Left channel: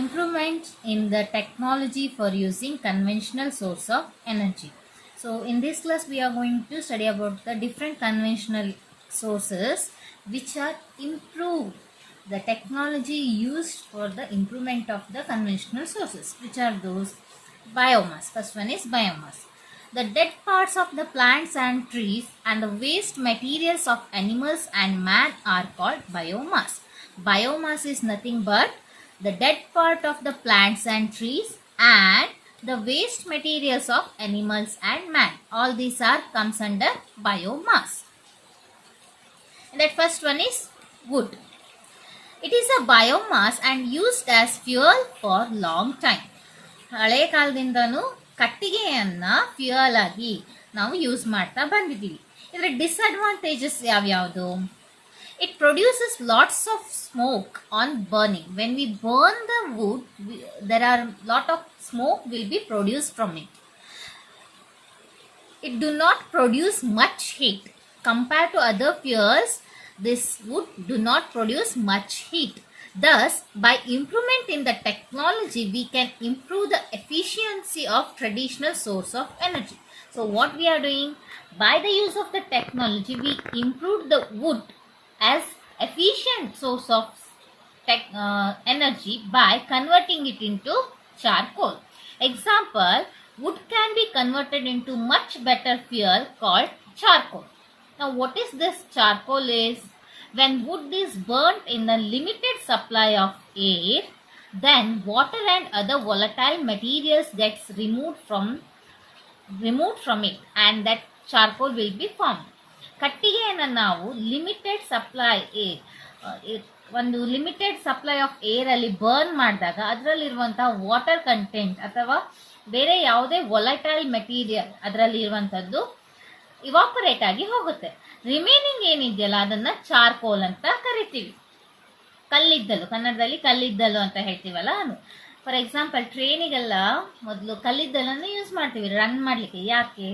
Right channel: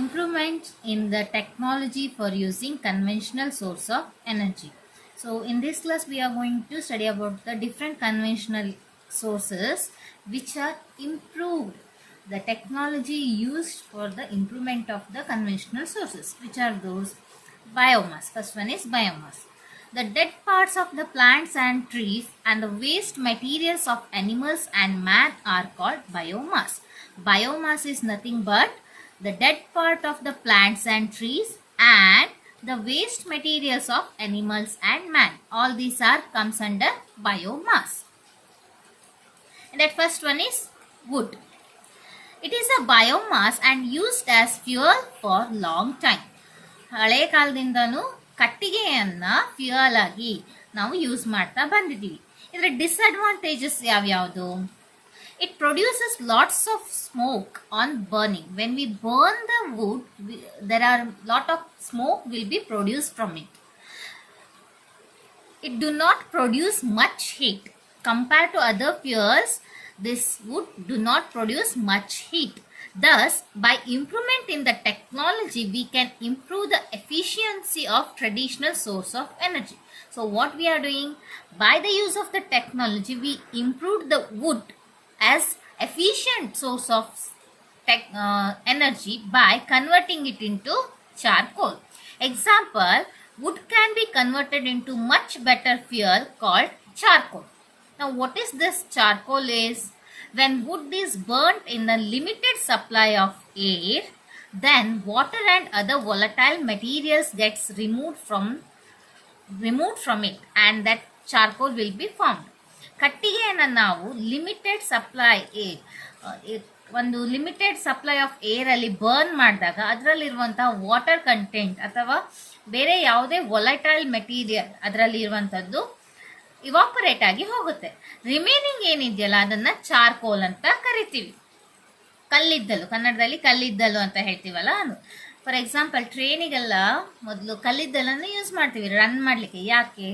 improvement in the technology for using conventional source of energy. So in this class we are going to study about the different conventional sources which are improved, the technology used for the improvement of the conventional sources. Which are those? Biomass. First one is biomass. The dead parts of the plants and trees and the waste materials of animals and man are called biomass. Biomass is nothing but the dead part of the plants and trees and the waste materials of animals and man. All these are comes under biomass. And that first one is wood. It is a biomass and used as fuel for long time. ಹಳೆ ಕಾಲದಿಂದನೂ ಕಟ್ಟಿಗೆಯನ್ನ ಫ್ಯೂಯಲ್ ಆಗಿ ನಾವು ಯೂಸ್ ಮಾಡ್ತಾ ಬಂದಿದ್ದೀವಿ. ಇದರ ಡಿಸ್ಅಡ್ವಾಂಟೇಜಸ್ ಯಾವ್ಯಾವುದು? It produces lots of smoke on burning. When we burn the wood, there are lot of smoke will be produced from it. It do not produce much heat. Compared to other fuels, this wood do not produce much heat. Thus, by improvement in the technology, we can improve the efficiency of traditional source of energy. So, what we are doing? By the use of the technology, we improve the wood as efficient source of energy by converting it into charcoal. Example, wood can be converted into much better fuel called charcoal. Now, what is this charcoal is? When wood is burnt in a limited supply of air, then water and other volatile materials gets removed from it and that charcoal will be formed. ಕಟ್ಟಿಗೆಯನ್ನು ನಾವು limited supply ಒಂದು limited supply of air ಅಲ್ಲಿ ಬರ್ನ್ ಮಾಡಿದಾಗ ಅದರಲ್ಲಿರುವಂತಹ water content ಅಥವಾ ಬೇರೆ ಯಾವುದೇ volatile material ಅದರಲ್ಲಿ ಇರುವಂಥದ್ದು ಇವಾಪರೇಟ್ ಆಗಿ ಹೋಗುತ್ತೆ. ರಿಮೈನಿಂಗ್ ಏನಿದೆಯಲ್ಲ ಅದನ್ನ ಚಾರ್ಕೋಲ್ ಅಂತ ಕರಿತೀವಿ. ಕಲ್ಲಿದ್ದಲು, ಕನ್ನಡದಲ್ಲಿ ಕಲ್ಲಿದ್ದಲು ಅಂತ ಹೇಳ್ತೀವಲ್ಲ ಅದು. ಫಾರ್ ಎಕ್ಸಾಂಪಲ್ ಟ್ರೈನಿಗೆಲ್ಲ ಮೊದಲು ಕಲ್ಲಿದ್ದಲನ್ನು ಯೂಸ್ ಮಾಡ್ತೀವಿ ರನ್ ಮಾಡಲಿಕ್ಕೆ. ಯಾಕೆ?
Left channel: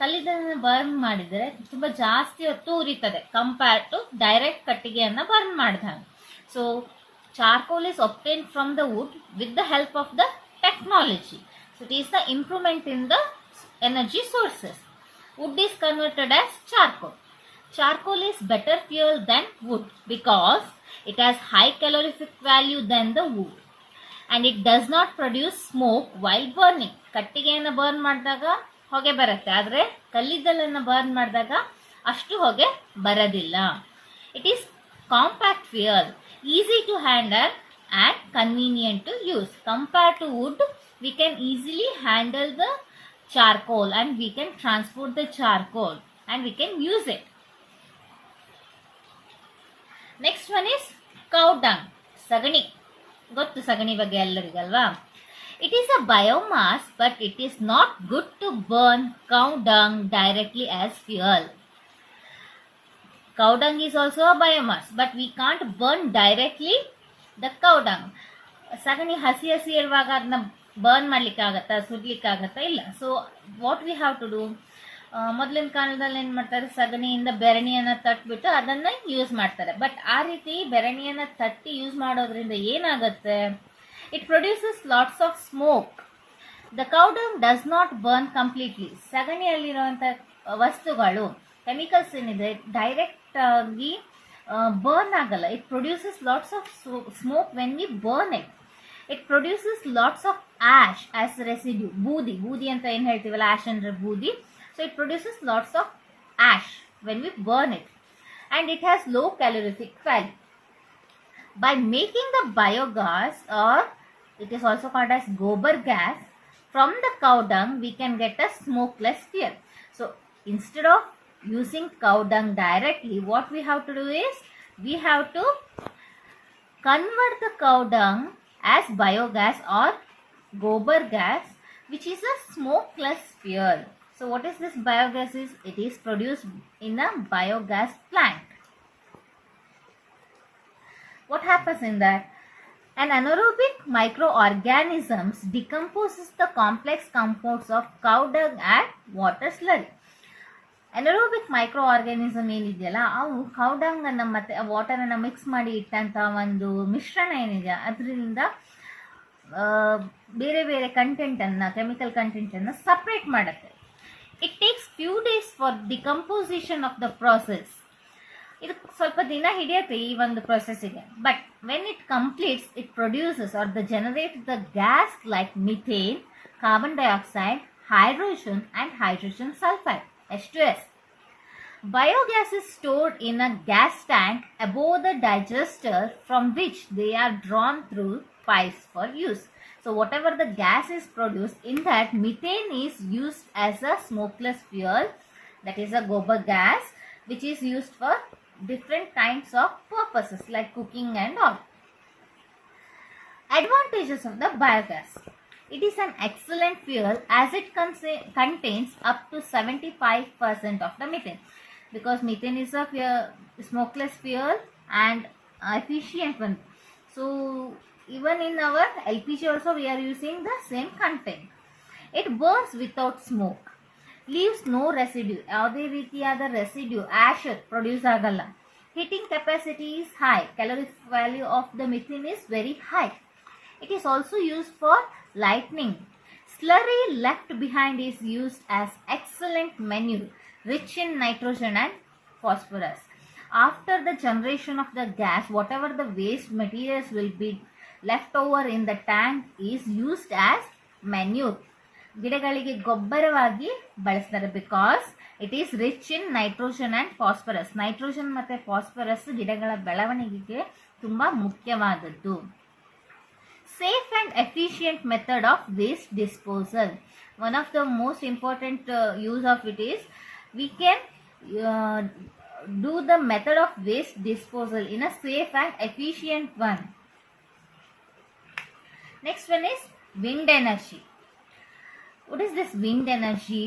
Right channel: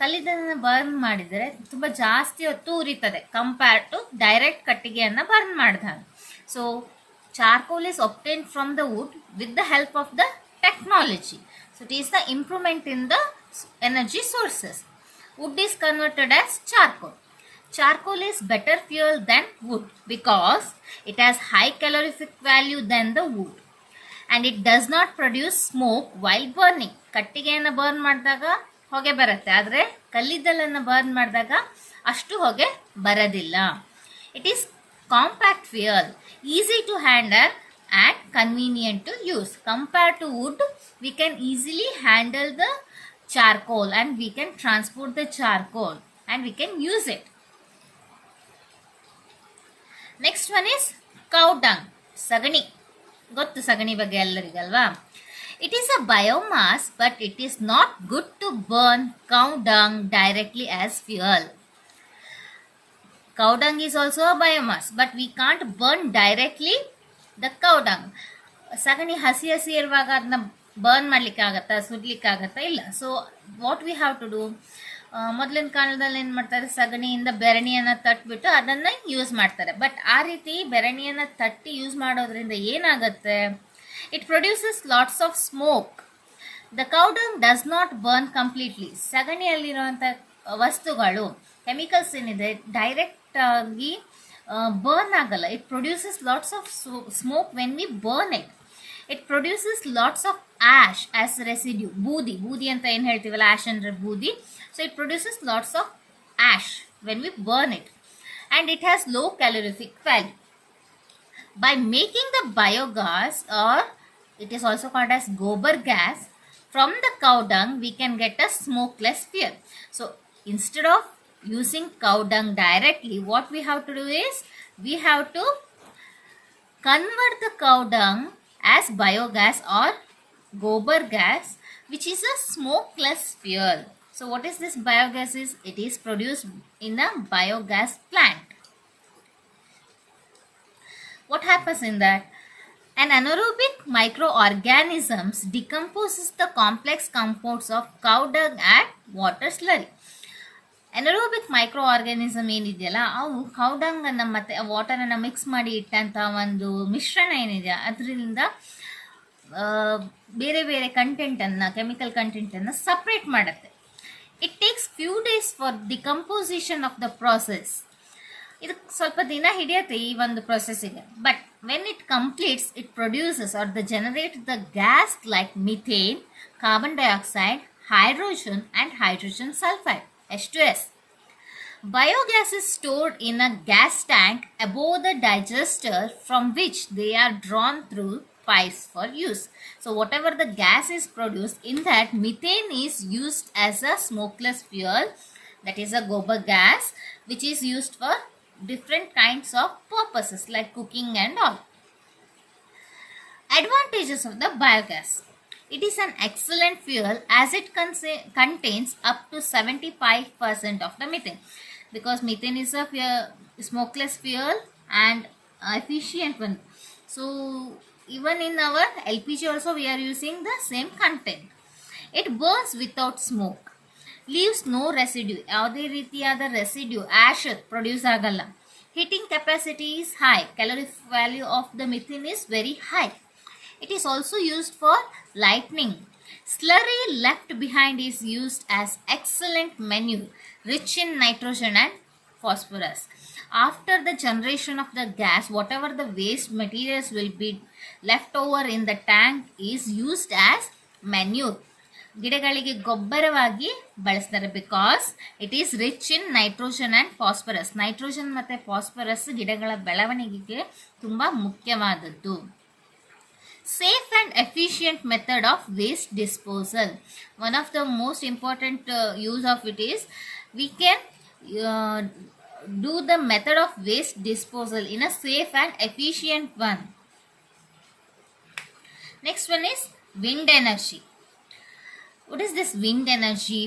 ಕಲ್ಲಿದ್ದಲನ್ನು ಬರ್ನ್ ಮಾಡಿದರೆ ತುಂಬ ಜಾಸ್ತಿ ಹೊತ್ತು ಉರಿತದೆ ಕಂಪೇರ್ ಟು ಡೈರೆಕ್ಟ್ ಕಟ್ಟಿಗೆಯನ್ನು ಬರ್ನ್ ಮಾಡಿದಾಗ. So charcoal is obtained from the wood with the help of the technology. So it is the improvement in the energy sources. Wood is converted as charcoal. Charcoal is better fuel than wood because it has high calorific value than the wood and it does not produce smoke while burning. ಕಟ್ಟಿಗೆಯನ್ನು ಬರ್ನ್ ಮಾಡಿದಾಗ ಹೊಗೆ ಬರುತ್ತೆ, ಆದರೆ ಕಲ್ಲಿದ್ದಲನ್ನು ಬರ್ನ್ ಮಾಡಿದಾಗ ಅಷ್ಟು ಹೊಗೆ ಬರೋದಿಲ್ಲ. It is compact fuel, easy to handle and convenient to use. Compared to wood, we can easily handle the charcoal and we can transport the charcoal and we can use it. Next one is cow dung, sagani. ಗೊತ್ತು ಸಗಣಿ ಬಗ್ಗೆ ಎಲ್ಲರಿಗಲ್ವಾ? It is a biomass but it is not good to burn cow dung directly as fuel. Cow dung is also a biomass but we can't burn directly the cow dung. ಸಗಣಿ ಹಸಿ ಇರುವಾಗ ಅದನ್ನ ಬರ್ನ್ ಮಾಡ್ಲಿಕ್ಕೆ ಆಗತ್ತಾ, ಸುಡ್ಲಿಕ್ಕೆ ಆಗತ್ತಾ? ಇಲ್ಲ. So what we have to do? ಮೊದಲಿನ ಕಾಲದಲ್ಲಿ ಏನು ಮಾಡ್ತಾರೆ, ಸಗಣಿಯಿಂದ ಬೆರಣಿಯನ್ನು ತಟ್ಬಿಟ್ಟು ಅದನ್ನು ಯೂಸ್ ಮಾಡ್ತಾರೆ. ಬಟ್ ಆ ರೀತಿ ಬೆರಣಿಯನ್ನು ತಟ್ಟಿ ಯೂಸ್ ಮಾಡೋದ್ರಿಂದ ಏನಾಗುತ್ತೆ? It produces lots of smoke. The cow dung does not burn completely. ಸಗಣಿಯಲ್ಲಿರುವಂಥ ವಸ್ತುಗಳು ಕೆಮಿಕಲ್ಸ್ ಏನಿದೆ ಡೈರೆಕ್ಟ್ ಆಗಿ ಬರ್ನ್ ಆಗಲ್ಲ. It produces lots of smoke when we burn it. It produces lots of ash as residue. ಬೂದಿ ಅಂತ ಏನು ಹೇಳ್ತೀವಲ್ಲ, ಆಶ್ ಅಂದರೆ ಬೂದಿ. So it produces lots of ash when we burn it and it has low calorific value. By making the biogas, or it is also called as gobar gas, from the cow dung we can get a smokeless fuel. So instead of using cow dung directly, what we have to do is we have to convert the cow dung as biogas or gobar gas, which is a smokeless fuel. So what is this biogas is? It is produced in a biogas plant. What happens in that? An anaerobic microorganisms decomposes the complex compounds of cow dung and water slurry. Anaerobic microorganism ಏನಿದೆಯಲ್ಲ ಅವು cow dung ಅನ್ನು ಮತ್ತೆ ವಾಟರನ್ನು ಮಿಕ್ಸ್ ಮಾಡಿ ಇಟ್ಟಂಥ ಒಂದು ಮಿಶ್ರಣ ಏನಿದೆ ಅದರಿಂದ ಬೇರೆ ಬೇರೆ ಕಂಟೆಂಟನ್ನು, ಕೆಮಿಕಲ್ ಕಂಟೆಂಟನ್ನು ಸಪ್ರೇಟ್ ಮಾಡುತ್ತೆ. It takes few days for decomposition of the process. ಇದು ಸ್ವಲ್ಪ ದಿನ ಹಿಡಿಯುತ್ತೆ ಈ ಒಂದು ಪ್ರೊಸೆಸ್ಸಿಗೆ. But when it completes, it produces are the generate the gas like methane, carbon dioxide, hydrogen and hydrogen sulfide H2S. Biogas is stored in a gas tank above the digester from which they are drawn through pipes for use. So whatever the gas is produced, in that methane is used as a smokeless fuel, that is a gobar gas, which is used for different kinds of purposes like cooking and all. Advantages of the biogas. It is an excellent fuel as it contains up to 75% of the methane, because methane is a smokeless fuel and efficient one. So even in our LPG also we are using the same content. It burns without smoke, leaves no residue. ಯಾವುದೇ ರೀತಿಯಾದ ರೆಸಿಡ್ಯೂ ಆಶ್ ಪ್ರೊಡ್ಯೂಸ್ ಆಗಲ್ಲ. Heating capacity is high. Calorific value of the methane is very high. It is also used for lighting. Slurry left behind is used as excellent manure, rich in nitrogen and phosphorus. After the generation of the gas, whatever the waste materials will be left over in the tank is used as manure. ಗಿಡಗಳಿಗೆ ಗೊಬ್ಬರವಾಗಿ ಬಳಸ್ತಾರೆ, because it is rich in nitrogen and phosphorus. Nitrogen ಮತ್ತು ಫಾಸ್ಫರಸ್ ಗಿಡಗಳ ಬೆಳವಣಿಗೆಗೆ ತುಂಬ ಮುಖ್ಯವಾದದ್ದು. Safe and efficient method of waste disposal. One of the most important use of it is we can do the method of waste disposal in a safe and efficient one. Next one is wind energy. What is this wind energy?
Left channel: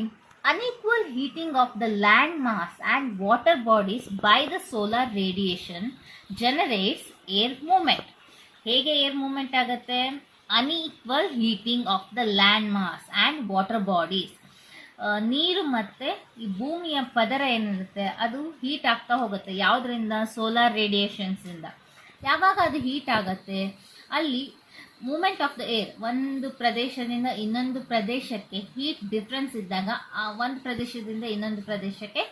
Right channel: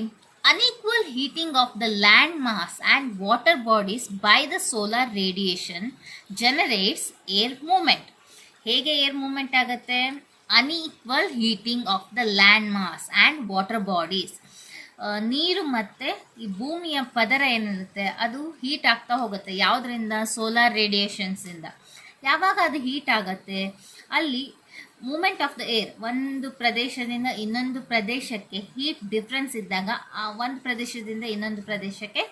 Unequal heating of the land mass and water bodies by the solar radiation generates air movement. ಹೇಗೆ air movement ಆಗುತ್ತೆ? Unequal heating of the land mass and water bodies. ನೀರು ಮತ್ತು ಈ ಭೂಮಿಯ ಪದರ ಏನಿರುತ್ತೆ ಅದು ಹೀಟ್ ಆಗ್ತಾ ಹೋಗುತ್ತೆ. ಯಾವುದರಿಂದ? ಸೋಲಾರ್ ರೇಡಿಯೇಷನ್ಸಿಂದ. ಯಾವಾಗ ಅದು ಹೀಟ್ ಆಗುತ್ತೆ, ಅಲ್ಲಿ ಮೂಮೆಂಟ್ ಆಫ್ ದ ಏರ್, ಒಂದು ಪ್ರದೇಶದಿಂದ ಇನ್ನೊಂದು ಪ್ರದೇಶಕ್ಕೆ ಹೀಟ್ ಡಿಫ್ರೆನ್ಸ್ ಇದ್ದಾಗ ಆ ಒಂದು ಪ್ರದೇಶದಿಂದ ಇನ್ನೊಂದು ಪ್ರದೇಶಕ್ಕೆ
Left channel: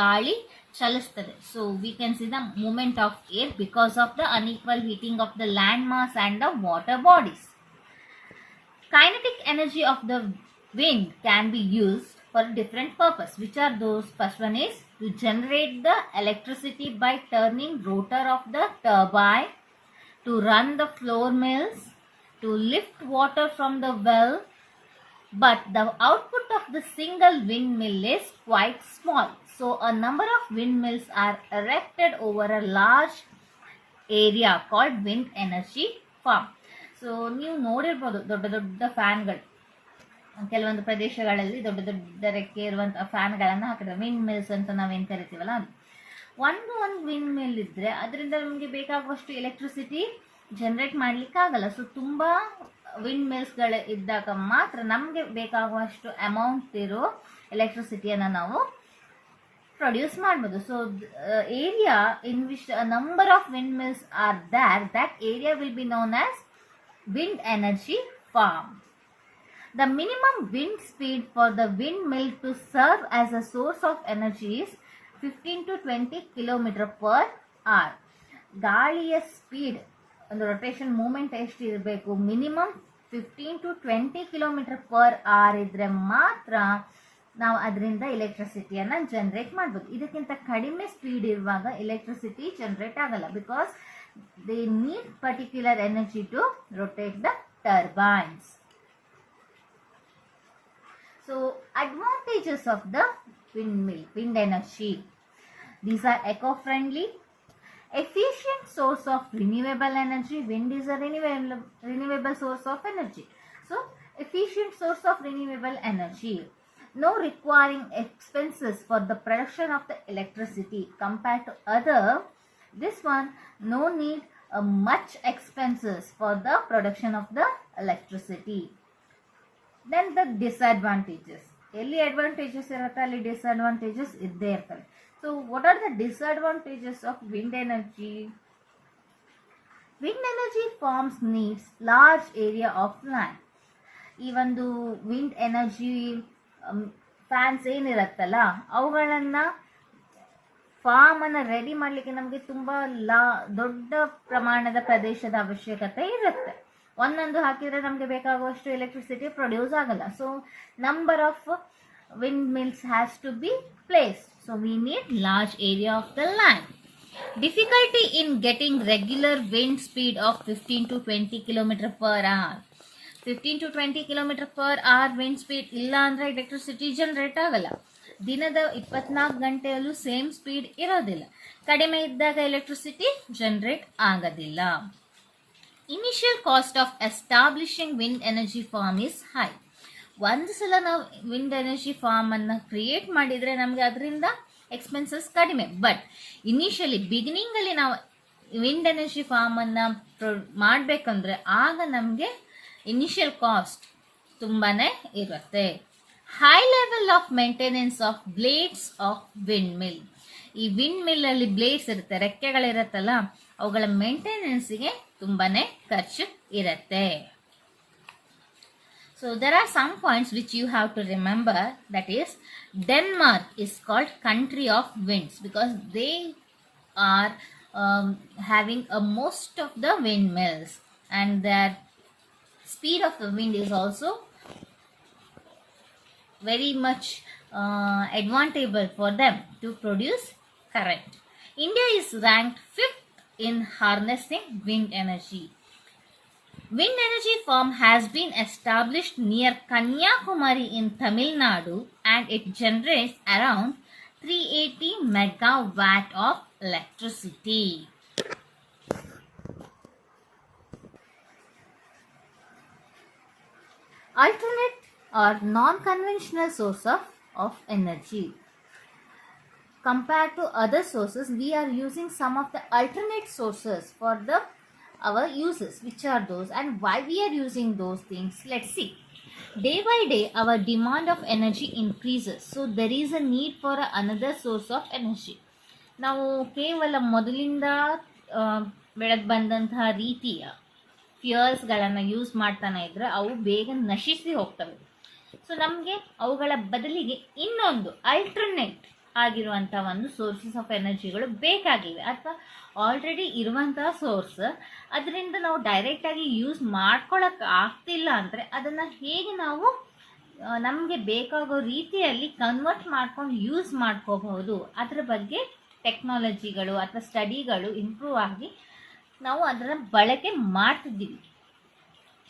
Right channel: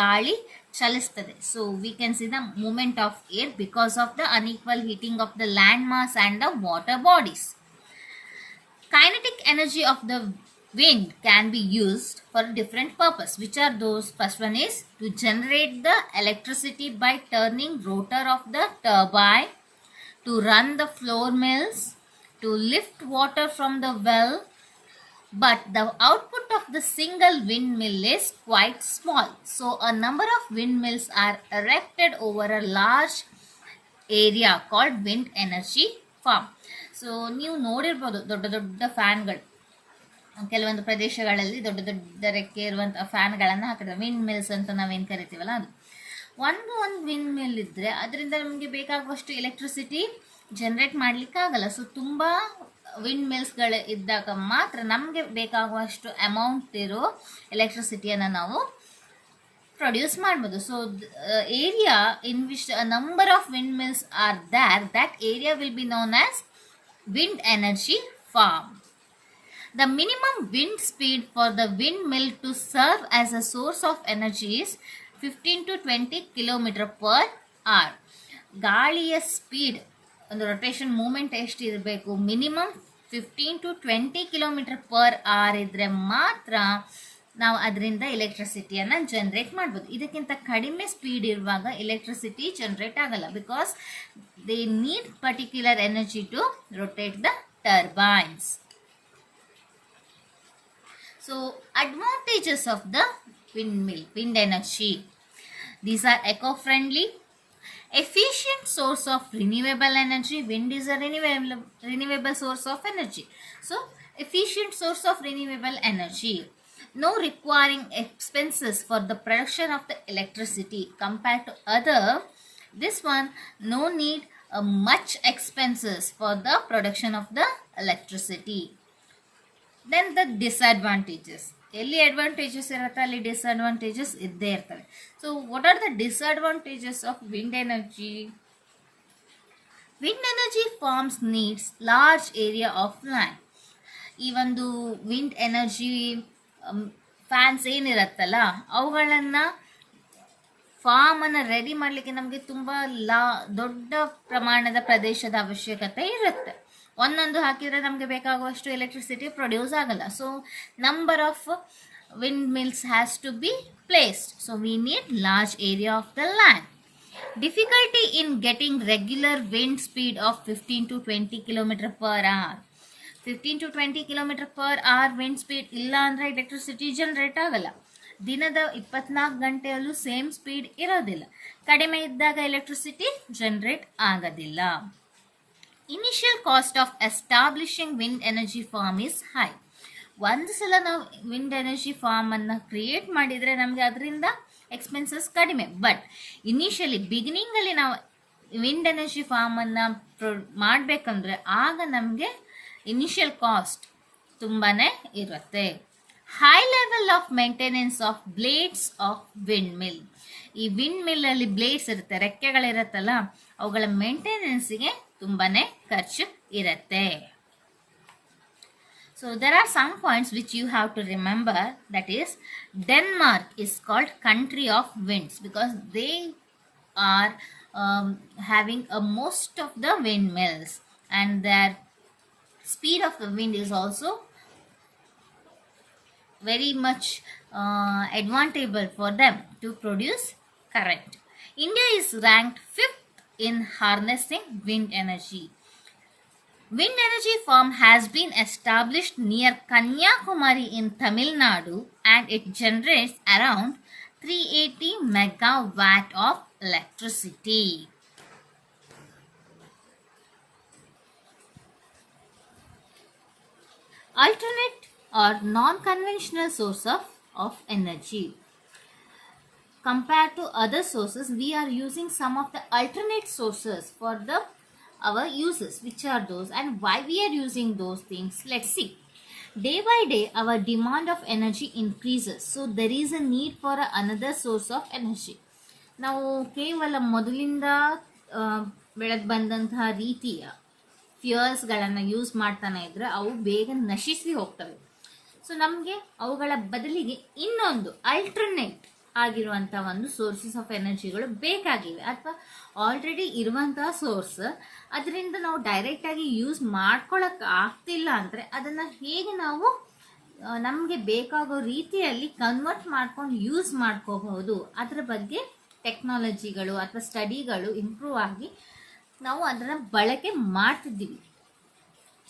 ಗಾಳಿ ಚಲಿಸ್ತದೆ. So we can see the movement of air because of the unequal heating of the land mass and the water bodies. Kinetic energy of the wind can be used for different purpose. Which are those? First one is to generate the electricity by turning rotor of the turbine, to run the floor mills, to lift water from the well. But the output of the single windmill is quite small. So a number of windmills are erected over a large area called wind energy farm. So ನೀವು ನೋಡಿರ್ಬೋದು ದೊಡ್ಡ ದೊಡ್ಡ ಫ್ಯಾನ್ಗಳು, ಕೆಲವೊಂದು ಪ್ರದೇಶಗಳಲ್ಲಿ ದೊಡ್ಡ ದೊಡ್ಡ ರೆಕ್ಕೆ ಇರುವಂಥ ಫ್ಯಾನ್ಗಳನ್ನು ಹಾಕಿದ್ದಾರೆ. ವಿಂಡ್ ಮಿಲ್ಸ್ ಅಂತ ನಾವೇನು ಕರಿತೀವಲ್ಲ ಅದು. ಒಂದು ವಿಂಡ್ ಮಿಲ್ ಇದ್ದರೆ ಅದರಿಂದ ನಮಗೆ ಬೇಕಾಗುವಷ್ಟು ಎಲೆಕ್ಟ್ರಿಸಿಟಿ ಜನ್ರೇಟ್ ಮಾಡಲಿಕ್ಕಾಗಲ್ಲ. ಸೊ ತುಂಬ ವಿಂಡ್ ಮಿಲ್ಸ್ಗಳು ಇದ್ದಾಗ ಮಾತ್ರ ನಮಗೆ ಬೇಕಾಗುವಷ್ಟು ಅಮೌಂಟ್ ಇರೋ ಎಲೆಕ್ಟ್ರಿಸಿಟಿಯನ್ನು ನಾವು ಪ್ರೊಡ್ಯೂಸ್ ಮಾಡ್ಬೋದು. So area in which a number of windmills are there, that area will be known as wind energy farm. The minimum wind speed for the windmill to serve as a source of energy is 15 to 20 km per hour. ಗಾಳಿಯ ಸ್ಪೀಡ್, ಒಂದು rotation moment ಎಷ್ಟು ಇರಬೇಕು? ಮಿನಿಮಮ್ 15 to 20 km per hour ಇದ್ದರೆ ಮಾತ್ರ ನಾವು ಅದರಿಂದ ಎಲೆಕ್ಟ್ರಿಸಿಟಿಯನ್ನು ಜನ್ರೇಟ್ ಮಾಡ್ಬೋದು. ಇದಕ್ಕಿಂತ ಕಡಿಮೆ ಸ್ಪೀಡ್ ಇರುವಾಗ ಎಲೆಕ್ಟ್ರಿಸಿಟಿ ಜನ್ರೇಟ್ ಆಗಲ್ಲ, because they need particular energy to rotate the turbines. So advantages of the windmill, wind energy. These are eco-friendly, efficient source of renewable energy. Wind is a renewable source of energy. So efficient source of renewable energy. No requiring expenses for the production of the electricity compared to other. This one no need much expenses for the production of the electricity. Then the disadvantages. ಎಲ್ಲಿ ಅಡ್ವಾಂಟೇಜಸ್ ಇರುತ್ತೆ ಅಲ್ಲಿ ಡಿಸ್ಅಡ್ವಾಂಟೇಜಸ್ ಇದ್ದೇ ಇರ್ತವೆ. So what are the disadvantages of wind energy? Wind energy farms needs large area of land. ಈ ಒಂದು wind energy fans ಏನಿರತ್ತಲ್ಲ ಅವುಗಳನ್ನು ಫಾರ್ಮನ್ನು ರೆಡಿ ಮಾಡಲಿಕ್ಕೆ ನಮಗೆ ತುಂಬ ದೊಡ್ಡ ಪ್ರಮಾಣದ ಪ್ರದೇಶದ ಅವಶ್ಯಕತೆ ಇರುತ್ತೆ. ಒಂದೊಂದು ಹಾಕಿದರೆ ನಮಗೆ ಬೇಕಾಗುವಷ್ಟು ಎಲೆಕ್ಟ್ರಿಸಿಟಿ ಪ್ರೊಡ್ಯೂಸ್ ಆಗಲ್ಲ. So number of wind mills has to be placed. So we need large area of the land. Difficulty in getting regular wind speed of 15 to 20 km per hour. 15 to 20 km per hour wind speed ಇಲ್ಲ ಅಂದರೆ electricity generate ಆಗಲ್ಲ. ದಿನದ 24 ಗಂಟೆಯಲ್ಲೂ same speed ಇರೋದಿಲ್ಲ. ಕಡಿಮೆ ಇದ್ದಾಗ electricity generate ಆಗೋದಿಲ್ಲ. Initial cost of establishing wind energy farm is high. ಒಂದು ಸಲ ನಾವು ವಿಂಡ್ ಎನರ್ಜಿ ಫಾರ್ಮನ್ನು ಕ್ರಿಯೇಟ್ ಮಾಡಿದರೆ ನಮಗೆ ಅದರಿಂದ ಎಕ್ಸ್ಪೆನ್ಸಸ್ ಕಡಿಮೆ. ಬಟ್ ಇನಿಷಿಯಲಿ ಬಿಗಿನಿಂಗಲ್ಲಿ ನಾವು ವಿಂಡ್ ಎನರ್ಜಿ ಫಾರ್ಮನ್ನು ಮಾಡಬೇಕಂದ್ರೆ ಆಗ ನಮಗೆ ಇನಿಷಿಯಲ್ ಕಾಸ್ಟ್ ತುಂಬಾ ಇರುತ್ತೆ. High level of maintenance of blades of wind mill. ಈ ವಿಂಡ್ ಮಿಲ್ಲಲ್ಲಿ ಬ್ಲೇಡ್ಸ್ ಇರುತ್ತೆ, ರೆಕ್ಕೆಗಳಿರುತ್ತಲ್ಲ, ಅವುಗಳ ಮೇಂಟೆನೆನ್ಸಿಗೆ ತುಂಬಾ ಖರ್ಚು ಇರುತ್ತೆ. So there are some points which you have to remember. That is, Denmark is called country of winds because they are having most of the windmills, and their speed of the wind is also very much advantageable for them to produce current. India is ranked 5th in harnessing wind energy. Wind energy farm has been established near Kanyakumari in Tamil Nadu, and it generates around 380 megawatt of electricity. Alternate or non-conventional source of energy. Compared to other sources, we are using some of the alternate sources for our uses. Which are those and why we are using those things? Let's see. Day by day our demand of energy increases, so there is a need for another source of energy. ನಾವು ಕೇವಲ ಮೊದಲಿಂದ ಬೆಳೆದು ಬಂದಂತಹ ರೀತಿಯ ಫ್ಯೂಯಲ್ಸ್ಗಳನ್ನು ಯೂಸ್ ಮಾಡ್ತಾನೆ ಇದ್ರೆ ಅವು ಬೇಗ ನಶಿಸಿ ಹೋಗ್ತವೆ. ಸೊ ನಮಗೆ ಅವುಗಳ ಬದಲಿಗೆ ಇನ್ನೊಂದು ಅಲ್ಟರ್ನೇಟ್ ಆಗಿರುವಂಥ ಒಂದು ಸೋರ್ಸಸ್ ಆಫ್ ಎನರ್ಜಿಗಳು ಬೇಕಾಗಿವೆ, ಅಥವಾ ಆಲ್ರೆಡಿ ಇರುವಂತಹ ಸೋರ್ಸ್ ಅದರಿಂದ ನಾವು ಡೈರೆಕ್ಟಾಗಿ ಯೂಸ್ ಮಾಡ್ಕೊಳ್ಳೋಕೆ ಆಗ್ತಿಲ್ಲ ಅಂದರೆ ಅದನ್ನು ಹೇಗೆ ನಾವು ನಮಗೆ ಬೇಕಾಗೋ ರೀತಿಯಲ್ಲಿ ಕನ್ವರ್ಟ್ ಮಾಡ್ಕೊಂಡು ಯೂಸ್ ಮಾಡ್ಕೋಬಹುದು, ಅದರ ಬಗ್ಗೆ ಟೆಕ್ನಾಲಜಿಗಳು ಅಥವಾ ಸ್ಟಡಿಗಳು ಇಂಪ್ರೂವ್ ಆಗಿ ನಾವು ಅದರ ಬಳಕೆ ಮಾಡ್ತಿದ್ದೀವಿ.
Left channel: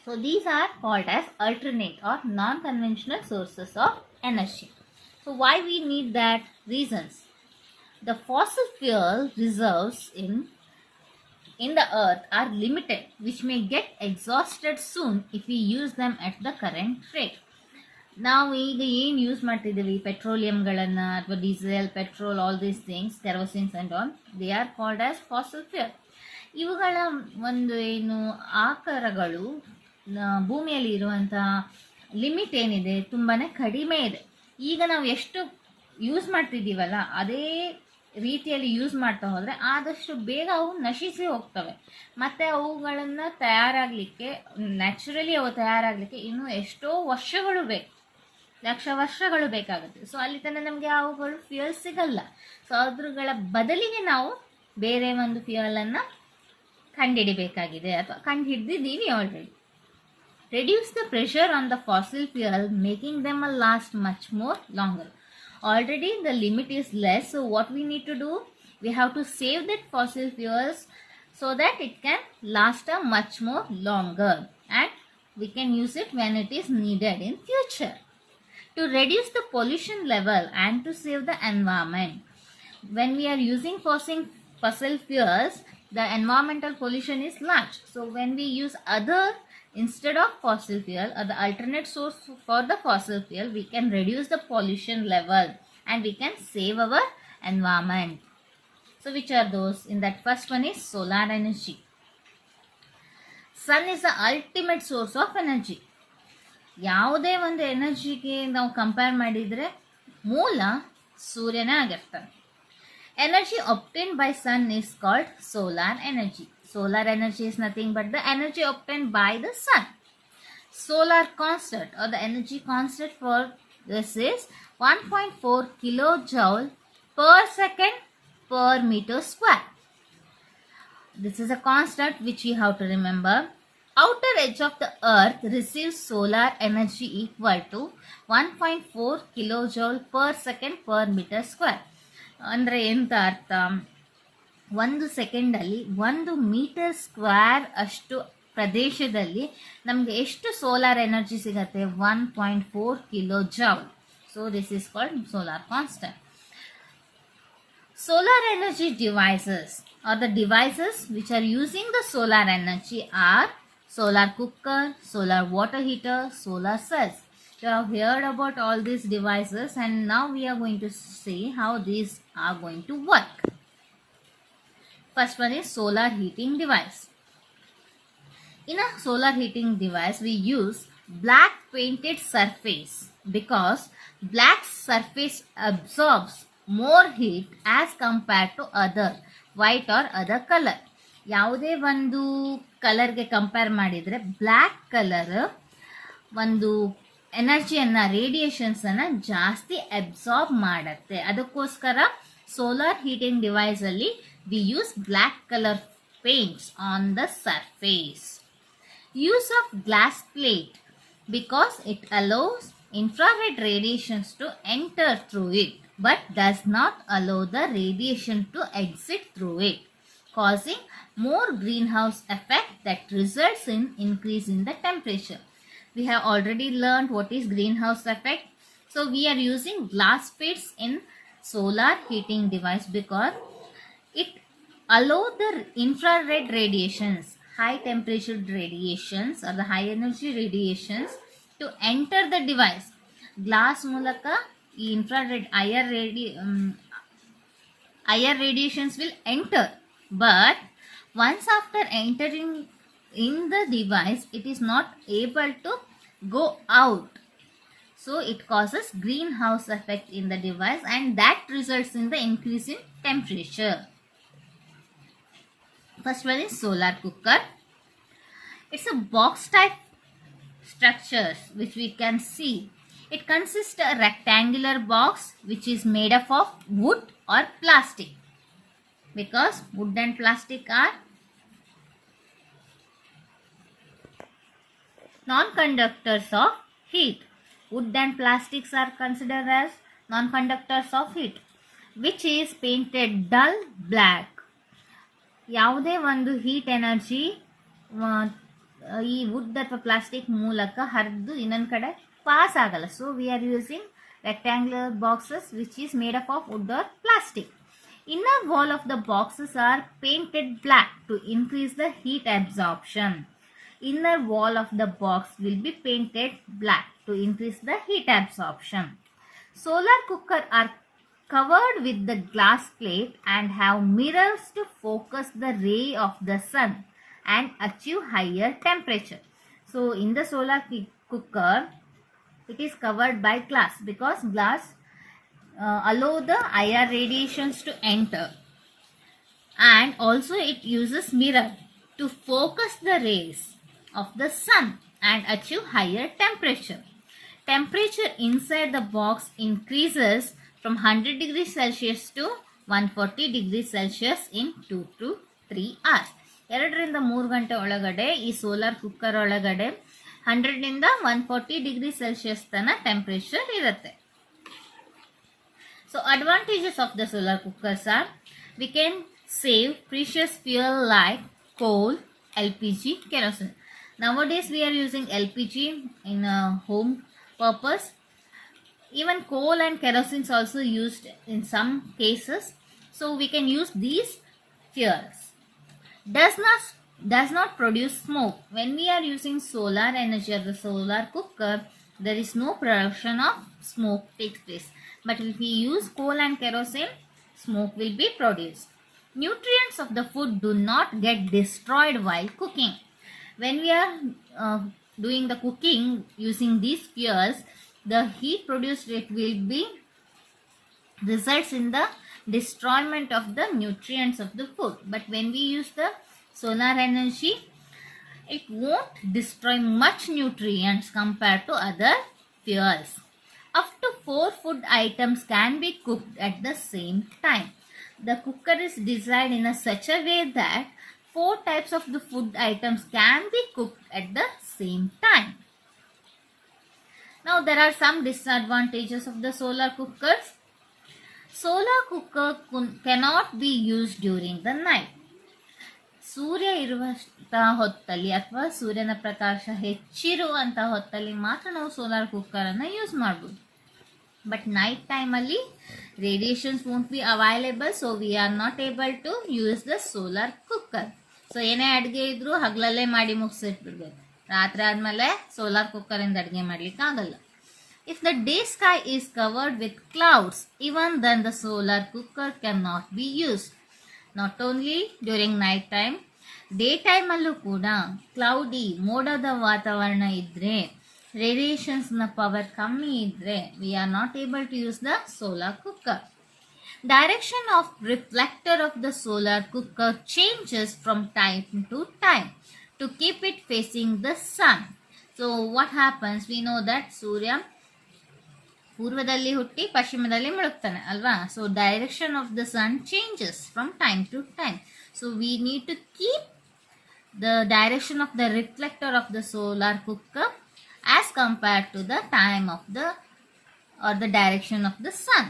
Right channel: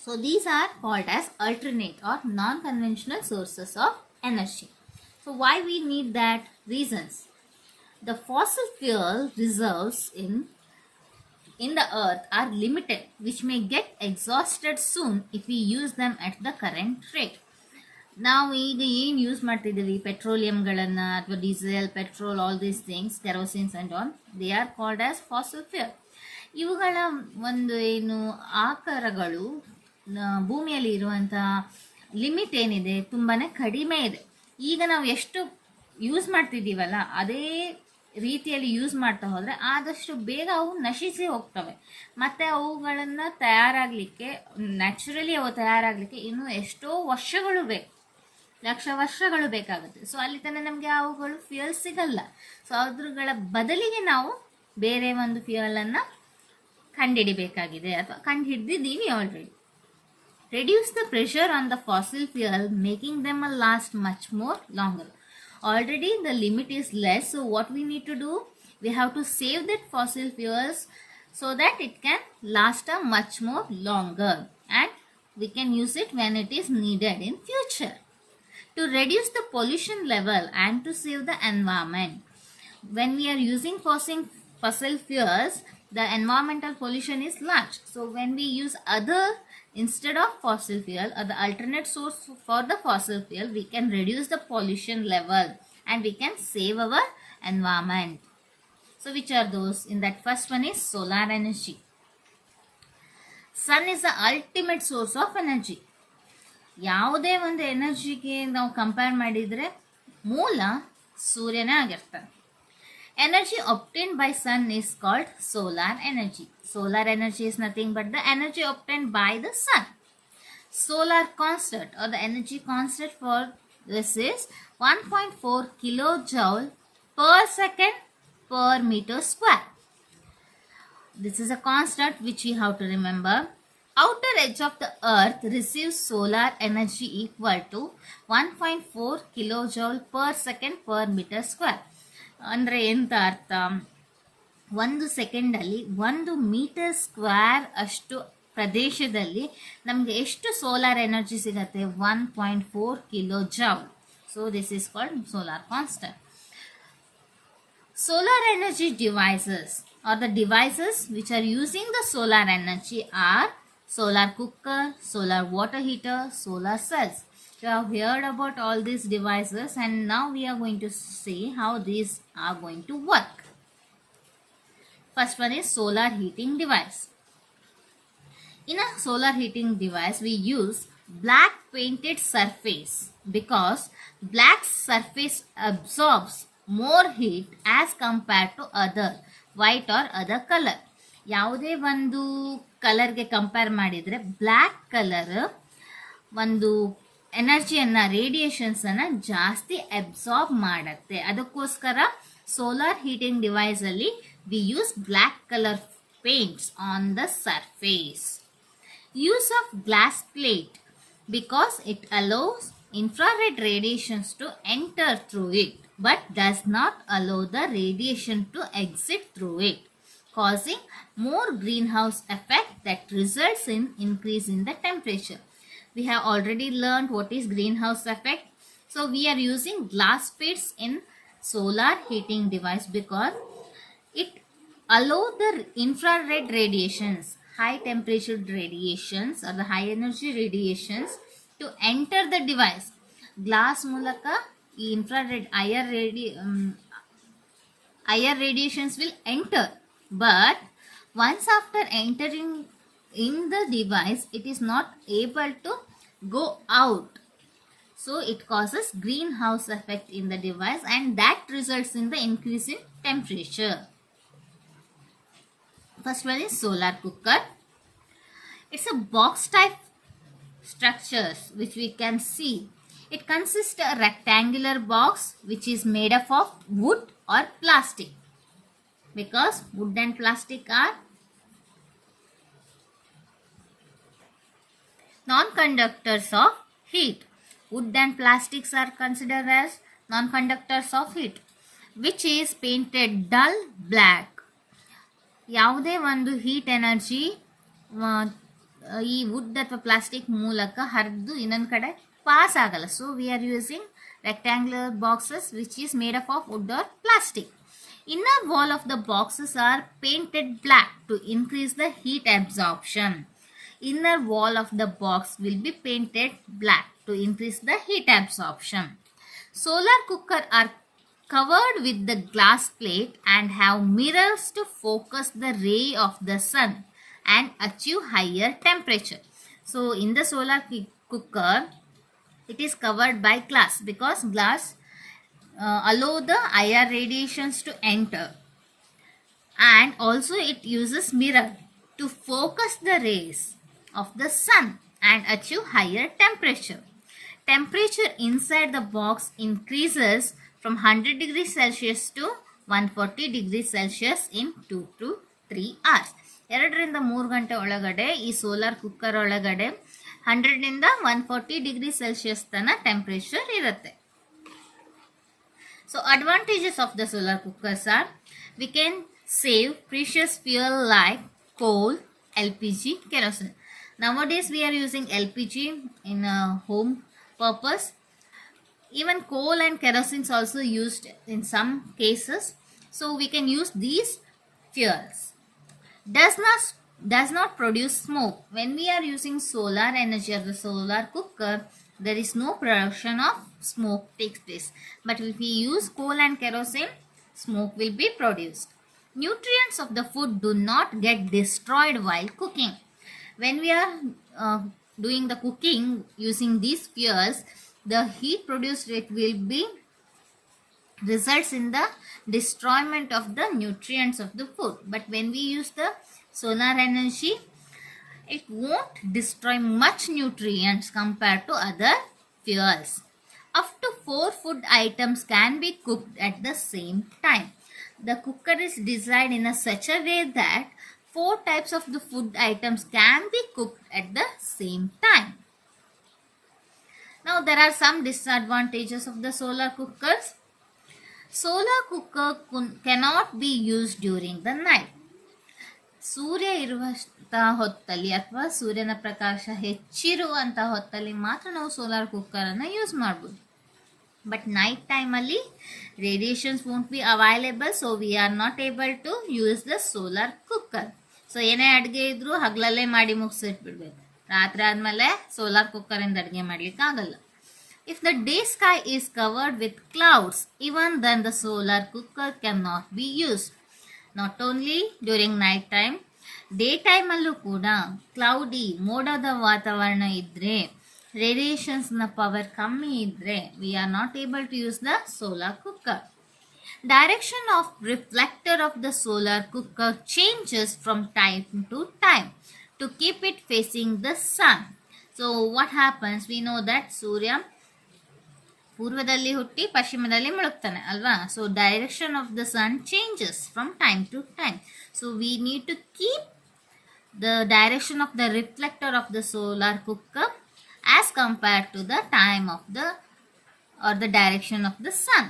So these are called as alternate or non conventional sources of energy. So why we need that? Reasons. The fossil fuel reserves in the earth are limited, which may get exhausted soon if we use them at the current rate. ನಾವು ಈಗ ಏನು ಯೂಸ್ ಮಾಡ್ತಿದ್ದೀವಿ ಪೆಟ್ರೋಲಿಯಂಗಳನ್ನು ಅಥವಾ diesel, petrol, all these things, kerosenes and all, they are called as fossil fuel. ಇವುಗಳ ಒಂದು ಏನು ಆಕಾರಗಳು ಭೂಮಿಯಲ್ಲಿ ಇರುವಂತಹ ಲಿಮಿಟ್ ಏನಿದೆ ತುಂಬಾ ಕಡಿಮೆ ಇದೆ. ಈಗ ನಾವು ಎಷ್ಟು ಯೂಸ್ ಮಾಡ್ತಿದ್ದೀವಲ್ಲ ಅದೇ ರೀತಿಯಲ್ಲಿ ಯೂಸ್ ಮಾಡ್ತಾ ಹೋದರೆ ಆದಷ್ಟು ಬೇಗ ಅವು ನಶಿಸಿ ಹೋಗ್ತವೆ. ಮತ್ತು ಅವುಗಳನ್ನು ತಯಾರಾಗಲಿಕ್ಕೆ, ನ್ಯಾಚುರಲಿ ಅವು ತಯಾರಾಗಲಿಕ್ಕೆ ಇನ್ನೂ ಎಷ್ಟೋ ವರ್ಷಗಳು ಬೇಕು, ಲಕ್ಷ ವರ್ಷಗಳು ಬೇಕಾಗುತ್ತೆ. ಸೊ ಅಲ್ಲಿ ತನಕ ನಮಗೆ ಅವುಗಳು ಫ್ಯೂಯಲ್ ಸಿಗಲ್ಲ. ಸೊ ಅದ್ರಗಳ ಬದಲಿಗೆ ನಾವು ಬೇರೆ ಒಂದು ಫ್ಯೂಯಲನ್ನು ಕಂಡುಹಿಡಿಬೇಕಾಗಿದೆ ಅಥವಾ ಕಂಡುಹಿಡಿದಿದ್ದೀವಿ already. Reduce the pressure on the fossil fuel, making them last much more longer. Already the limit is less, so what we need to do? We have to save that fossil fuels so that it can last a much more longer, and we can use it when it is needed in future. To reduce the pollution level and to save the environment. When we are using fossil fuels, the environmental pollution is large. So when we use other instead of fossil fuel or the alternate source for the fossil fuel, we can reduce the pollution level and we can save our environment. So which are those? In that first one is solar energy. Sun is the ultimate source of energy. ಯಾವುದೇ ಒಂದು ಎನರ್ಜಿಗೆ ನಾವು ಕಂಪೇರ್ ಮಾಡಿದರೆ ಮೂಲ ಸೂರ್ಯನೇ ಆಗಿರ್ತಾನೆ. Energy obtained by sun is called solar energy. Solar energy is nothing but the energy obtained by the sun. Solar constant or the energy constant for this is 1.4 kilojoule per second per meter square. This is a constant which we have to remember. Outer edge of the earth receives solar energy equal to 1.4 kilojoule per second per meter square. ಅಂದರೆ ಎಂತ ಅರ್ಥ, ಒಂದು ಸೆಕೆಂಡಲ್ಲಿ 1 metre square ಅಷ್ಟು ಪ್ರದೇಶದಲ್ಲಿ ನಮಗೆ ಎಷ್ಟು solar energy ಸಿಗತ್ತೆ? 1.4 kilo joule. So this is called solar constant. Solar energy devices or the devices which are using the solar energy are solar cooker, solar water heater, solar cells. You have heard about all these devices and now we are going to see how these are going to work. First one is solar heating device. In a solar heating device we use black painted surface because black surface absorbs more heat as compared to other white or other color. ಯಾವುದೇ ಒಂದು ಕಲರ್ಗೆ compare ಮಾಡಿದರೆ black colour ಒಂದು ಎನರ್ಜಿಯನ್ನು ರೇಡಿಯೇಷನ್ಸನ್ನು ಜಾಸ್ತಿ absorb ಮಾಡುತ್ತೆ. ಅದಕ್ಕೋಸ್ಕರ ಸೋಲಾರ್ ಹೀಟಿಂಗ್ ಡಿವೈಸಲ್ಲಿ we use black colour paints on the surface. Use of glass plate because it allows infrared radiations to enter through it but does not allow the radiation to exit through it, causing more greenhouse effect that results in increase in the temperature. We have already learned what is greenhouse effect. So we are using glass plates in solar heating device because it allow the infrared radiations, high temperature radiations or the high energy radiations to enter the device. Glass ಮೂಲಕ ಈ infrared higher radiations will enter, but once after entering in the device it is not able to go out. So it causes greenhouse effect in the device and that results in the increase in temperature. First one is solar cooker. It's a box type structures which we can see. It consists a rectangular box which is made up of wood or plastic because wood and plastic are non-conductors of heat. Wood and plastics are considered as non-conductors of heat, which is painted dull black. ಯಾವುದೇ ಒಂದು heat energy ಈ ವುಡ್ ಅಥವಾ ಪ್ಲಾಸ್ಟಿಕ್ ಮೂಲಕ ಹರಿದು ಇನ್ನೊಂದು ಕಡೆ ಪಾಸ್ ಆಗಲ್ಲ. So we are using rectangular boxes which is made up of wood or plastic. Inner wall of the boxes are painted black to increase the heat absorption. Inner wall of the box will be painted black to increase the heat absorption. Solar cooker are covered with the glass plate and have mirrors to focus the ray of the sun and achieve higher temperature. So in the solar cooker it is covered by glass because glass allow the higher radiations to enter, and also it uses mirror to focus the rays of the sun and achieve higher temperature. Temperature inside the box increases from 100 degrees Celsius to 140 degrees Celsius in 2 to 3 hours. 2 3 ಗಂಟೆ ಒಳಗಡೆ ಈ solar cooker ಒಳಗಡೆ 100 140 degree Celsius ತನ ಟೆಂಪರೇಚರ್ ಇರುತ್ತೆ. So advantages of the solar cookers are we can save precious fuel like coal, LPG, kerosene. Nowadays we are using LPG in a home purpose. Even coal and kerosene is also used in some cases. So we can use these fuels. Does not produce smoke. When we are using solar energy or the solar cooker, there is no production of smoke takes place. But if we use coal and kerosene, smoke will be produced. Nutrients of the food do not get destroyed while cooking. When we are doing the cooking using these fuels, the heat produced it will be results in the destroyment of the nutrients of the food. But when we use the solar energy, it won't destroy much nutrients compared to other fuels. Up to 4 food items can be cooked at the same time. The cooker is designed in a such a way that 4 types of the food items can be cooked at the same time. Now there are some disadvantages of the solar cookers. Solar cooker cannot be used during the night. ಸೂರ್ಯ ಇರುವಂತಹ ಹೊತ್ತಲ್ಲಿ ಅಥವಾ ಸೂರ್ಯನ ಪ್ರಕಾಶ ಹೆಚ್ಚಿರುವಂತಹ ಹೊತ್ತಲ್ಲಿ ಮಾತ್ರ ನಾವು ಸೋಲಾರ್ ಕುಕ್ಕರನ್ನು ಯೂಸ್ ಮಾಡ್ಬೋದು. ಬಟ್ ನೈಟ್ ಟೈಮಲ್ಲಿ radiations won't be available, so we are not able to use the solar cooker. So ಏನೇ ಅಡುಗೆ ಇದ್ರೂ ಹಗಲಲ್ಲೇ ಮಾಡಿ ಮುಗಿಸಿಟ್ಬಿಡ್ಬೇಕು. ರಾತ್ರಿ ಆದಮೇಲೆ ಸೋಲಾರ್ ಕುಕ್ಕರಿಂದ ಅಡುಗೆ ಮಾಡ್ಲಿಕ್ಕೆ ಆಗಲ್ಲ. If the day sky is covered with clouds, even then the solar cooker cannot be used. Not only during night time, day ಟೈಮಲ್ಲೂ ಕೂಡ ಕ್ಲೌಡಿ ಮೋಡದ ವಾತಾವರಣ ಇದ್ದರೆ, ರೇಡಿಯೇಷನ್ಸ್ನ ಪವರ್ ಕಮ್ಮಿ ಇದ್ದರೆ, we are not able to use the solar cooker. Direction of reflector of the solar cooker changes from time to time to keep it facing the sun. So what happens? We know that Surya ಪೂರ್ವದಲ್ಲಿ ಹುಟ್ಟಿ ಪಶ್ಚಿಮದಲ್ಲಿ ಮುಳುಗ್ತಾನೆ ಅಲ್ವಾ. So direction of the sun changes from time to time. So we need to keep the direction of the reflector of the solar cooker as compared to the time of the or the direction of the sun.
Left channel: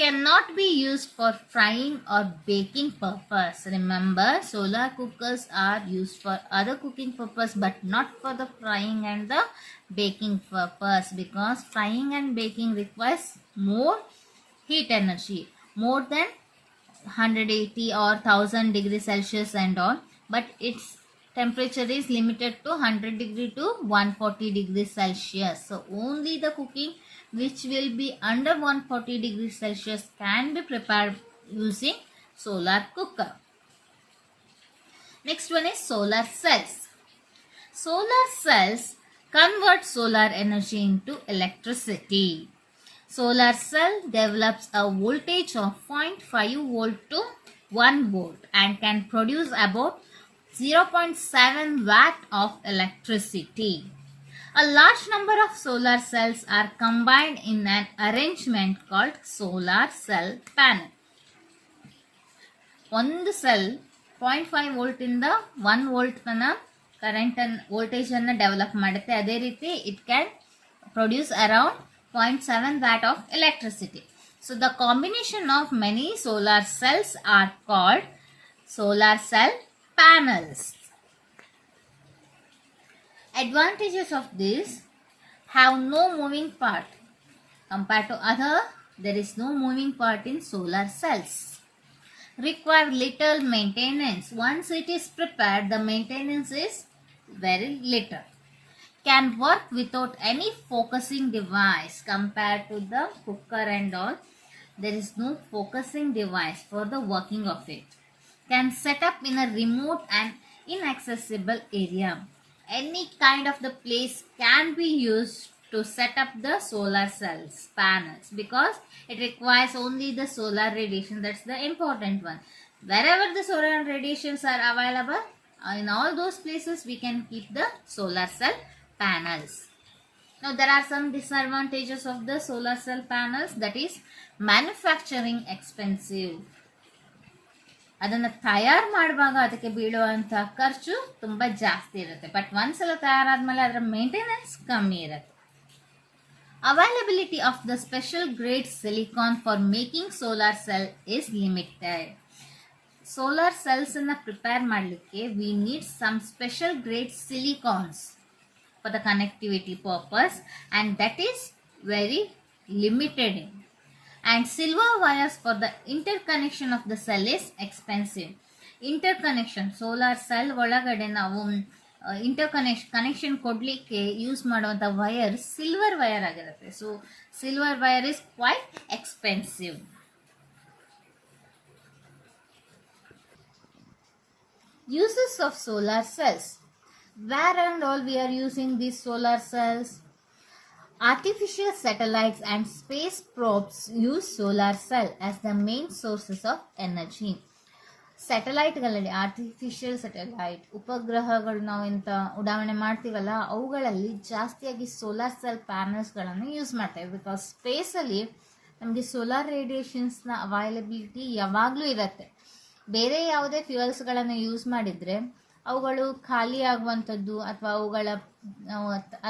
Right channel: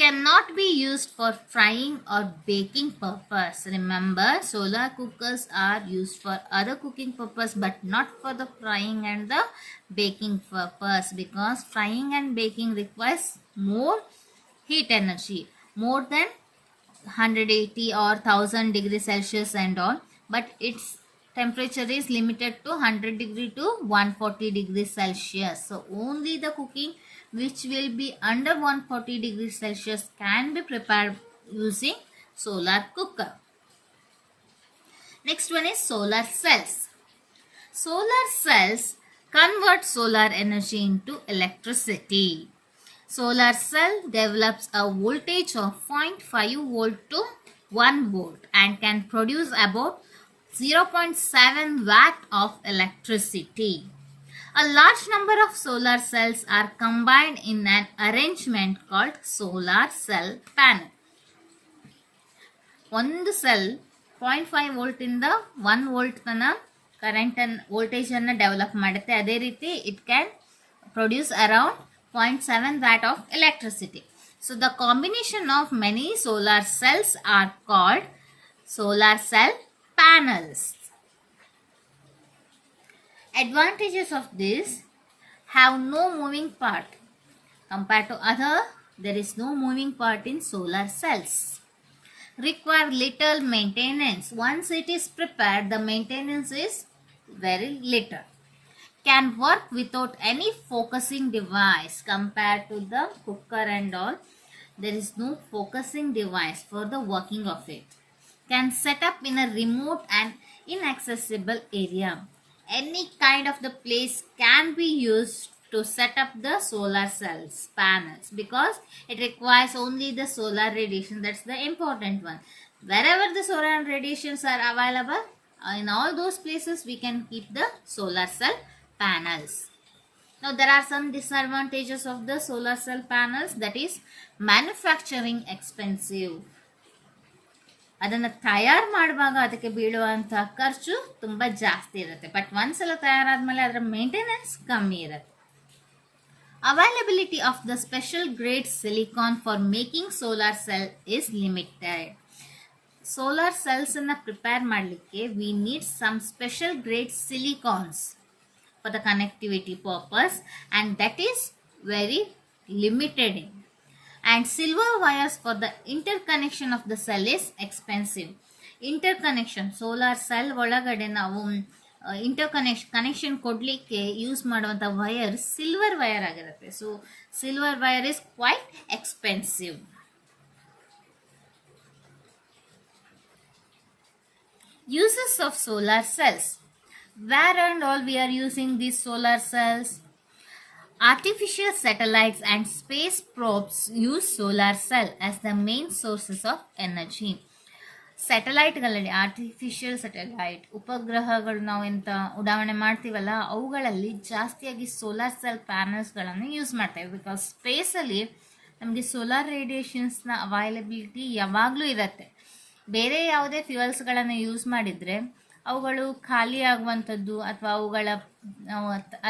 Cannot be used for frying or baking purpose. Remember, solar cookers are used for other cooking purpose but not for the frying and the baking purpose, because frying and baking requires more heat energy, more than 180 or 1000 degrees Celsius and all, but its temperature is limited to 100 degree to 140 degrees Celsius. So only the cooking which will be under 140 degrees Celsius can be prepared using solar cooker. Next one is solar cells. Solar cells convert solar energy into electricity. Solar cell develops a voltage of 0.5 volt to 1 volt and can produce about 0.7 watt of electricity. A large number of solar cells are combined in an arrangement called solar cell panel. ಒಂದು ಸೆಲ್ 0.5 ವೋಲ್ಟ್ ಇಂದ 1 volt current voltage ಅನ್ನು ಡೆವಲಪ್ ಮಾಡುತ್ತೆ. ಅದೇ ರೀತಿ it can produce around 0.7 watt of electricity. So the combination of many solar cells are called solar cell panels. Advantages of this: have no moving part. Compared to other, there is no moving part in solar cells. Require little maintenance. Once it is prepared, the maintenance is very little. Can work without any focusing device. Compared to the cooker and all, there is no focusing device for the working of it. Can set up in a remote and inaccessible area. Any kind of the place can be used to set up the solar cells panels, because it requires only the solar radiation. That's the important one. Wherever the solar radiations are available, in all those places we can keep the solar cell panels. Now there are some disadvantages of the solar cell panels. That is, manufacturing expensive. ಅದನ್ನು ತಯಾರು ಮಾಡುವಾಗ ಅದಕ್ಕೆ ಬೀಳುವಂಥ ಖರ್ಚು ತುಂಬ ಜಾಸ್ತಿ ಇರುತ್ತೆ. ಬಟ್ ಒಂದ್ಸಲ ತಯಾರಾದ್ಮೇಲೆ ಅದರ ಮೇಂಟೆನೆನ್ಸ್ ಕಮ್ಮಿ ಇರುತ್ತೆ. Availability of the special grade silicon for making solar cell is limited. Solar cells ಅನ್ನ ಪ್ರಿಪೇರ್ ಮಾಡಲಿಕ್ಕೆ we need some special grade silicons for the connectivity purpose, and that is very limited in. And silver wires for the interconnection of the cell is expensive. Interconnection, solar cell ಒಳಗಡೆ ನಾವು ಕನೆಕ್ಷನ್ ಕೊಡಲಿಕ್ಕೆ use ಮಾಡುವಂಥ wire silver wire ಆಗಿರುತ್ತೆ. So silver wire is quite expensive. Uses of solar cells. Where and all we are using these solar cells? Artificial satellites and space probes use solar cell as the main sources of energy. ಸ್ಯಾಟಲೈಟ್ಗಳಲ್ಲಿ artificial satellite ಉಪಗ್ರಹಗಳು ನಾವು ಎಂತ ಉಡಾವಣೆ ಮಾಡ್ತೀವಲ್ಲ ಅವುಗಳಲ್ಲಿ ಜಾಸ್ತಿಯಾಗಿ solar cell ಪ್ಯಾನಲ್ಸ್ಗಳನ್ನು use ಮಾಡ್ತೇವೆ. ಬಿಕಾಸ್ ಸ್ಪೇಸಲ್ಲಿ ನಮಗೆ ಸೋಲಾರ್ ರೇಡಿಯೇಷನ್ಸ್ನ ಅವೈಲಬಿಲಿಟಿ ಯಾವಾಗಲೂ ಇರುತ್ತೆ. ಬೇರೆ ಯಾವುದೇ ಫ್ಯೂಯಲ್ಸ್ಗಳನ್ನು ಯೂಸ್ ಮಾಡಿದರೆ ಅವುಗಳು ಖಾಲಿ ಆಗುವಂಥದ್ದು ಅಥವಾ ಅವುಗಳ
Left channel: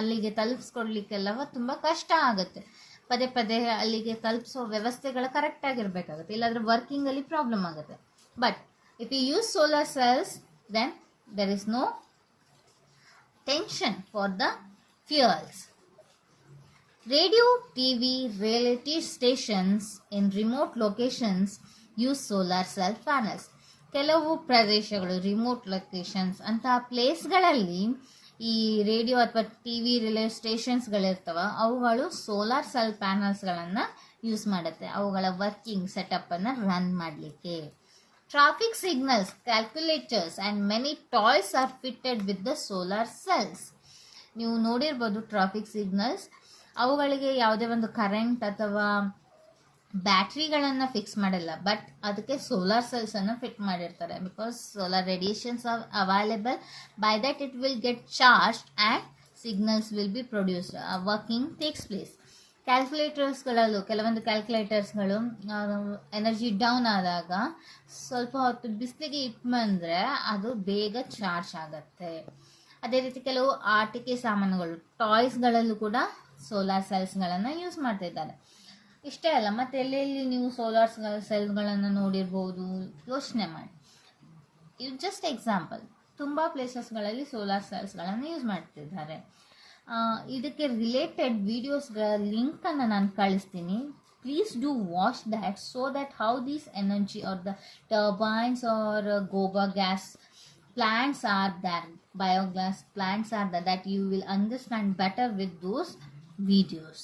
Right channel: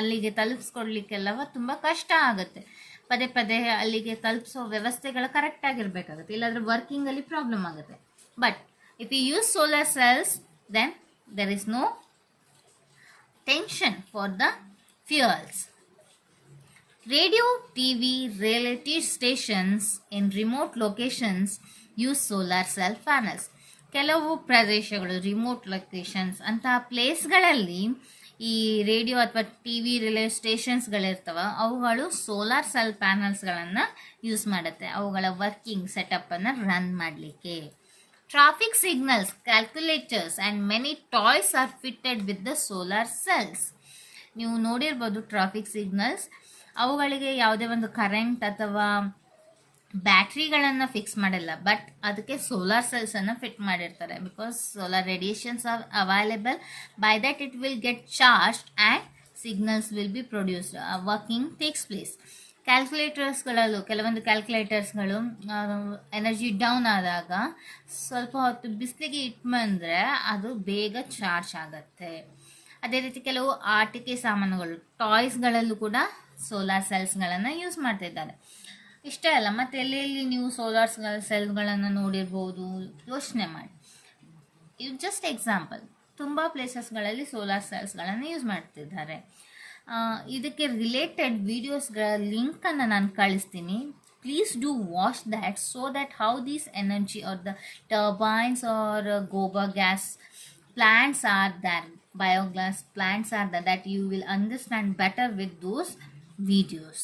ಅಲ್ಲಿಗೆ ತಲುಪಿಸ್ಕೊಡ್ಲಿಕ್ಕೆಲ್ಲವ ತುಂಬ ಕಷ್ಟ ಆಗುತ್ತೆ. ಪದೇ ಪದೇ ಅಲ್ಲಿಗೆ ತಲುಪಿಸೋ ವ್ಯವಸ್ಥೆಗಳು ಕರೆಕ್ಟಾಗಿರಬೇಕಾಗುತ್ತೆ, ಇಲ್ಲಾಂದರೆ ವರ್ಕಿಂಗಲ್ಲಿ ಪ್ರಾಬ್ಲಮ್ ಆಗುತ್ತೆ. But if you use solar cells, then there is no tension for the fuels. Radio, TV, reality stations in remote locations use solar cell panels. ಕೆಲವು ಪ್ರದೇಶಗಳು ರಿಮೋಟ್ ಲೊಕೇಶನ್ಸ್ ಅಂತಹ ಪ್ಲೇಸ್ಗಳಲ್ಲಿ ಈ ರೇಡಿಯೋ ಅಥವಾ ಟಿ ವಿ ರಿಲೇ ಸ್ಟೇಷನ್ಸ್ಗಳಿರ್ತವ ಅವುಗಳು ಸೋಲಾರ್ ಸೆಲ್ ಪ್ಯಾನಲ್ಸ್ಗಳನ್ನು ಯೂಸ್ ಮಾಡುತ್ತೆ ಅವುಗಳ ವರ್ಕಿಂಗ್ ಸೆಟಪ್ಪನ್ನು ರನ್ ಮಾಡಲಿಕ್ಕೆ. Traffic signals, calculators and many toys are fitted with the solar cells. ನೀವು ನೋಡಿರ್ಬೋದು ಟ್ರಾಫಿಕ್ ಸಿಗ್ನಲ್ಸ್, ಅವುಗಳಿಗೆ ಯಾವುದೇ ಒಂದು ಕರೆಂಟ್ ಅಥವಾ ಬ್ಯಾಟ್ರಿಗಳನ್ನು ಫಿಕ್ಸ್ ಮಾಡಿಲ್ಲ, ಬಟ್ ಅದಕ್ಕೆ ಸೋಲಾರ್ ಸೆಲ್ಸನ್ನು ಫಿಟ್ ಮಾಡಿರ್ತಾರೆ. Because solar radiations are available, by that it will get charged and signals will be produced, working takes place. ಕ್ಯಾಲ್ಕುಲೇಟರ್ಸ್ಗಳಲ್ಲೂ ಕೆಲವೊಂದು ಕ್ಯಾಲ್ಕುಲೇಟರ್ಸ್ಗಳು ಎನರ್ಜಿ ಡೌನ್ ಆದಾಗ ಸ್ವಲ್ಪ ಹೊತ್ತು ಬಿಸಿಲಿಗೆ ಇಟ್ಬಂದರೆ ಅದು ಬೇಗ ಚಾರ್ಜ್ ಆಗುತ್ತೆ. ಅದೇ ರೀತಿ ಕೆಲವು ಆಟಿಕೆ ಸಾಮಾನುಗಳು ಟಾಯ್ಸ್ಗಳಲ್ಲೂ ಕೂಡ ಸೋಲಾರ್ ಸೆಲ್ಸ್ಗಳನ್ನು ಯೂಸ್ ಮಾಡ್ತಿದ್ದಾರೆ. ಇಷ್ಟೇ ಅಲ್ಲ, ಮತ್ತು ಎಲ್ಲೆಲ್ಲಿ ನೀವು ಸೋಲಾರ್ ಸೆಲ್ಗಳನ್ನು ನೋಡಿರ್ಬೋದು, ಯೋಚನೆ ಮಾಡಿ. ಇದು ಜಸ್ಟ್ ಎಕ್ಸಾಂಪಲ್. ತುಂಬ ಪ್ಲೇಸಸ್ಗಳಲ್ಲಿ ಸೋಲಾರ್ ಸೆಲ್ಸ್ಗಳನ್ನು ಯೂಸ್ ಮಾಡ್ತಿದ್ದಾರೆ. ಇದಕ್ಕೆ ರಿಲೇಟೆಡ್ ವಿಡಿಯೋಸ್ಗಳ ಲಿಂಕನ್ನು ನಾನು ಕಳಿಸ್ತೀನಿ. Please do watch that so that how these energy are the turbines are gobar gas plants are there, biogas plants are there, that you will understand better with those videos.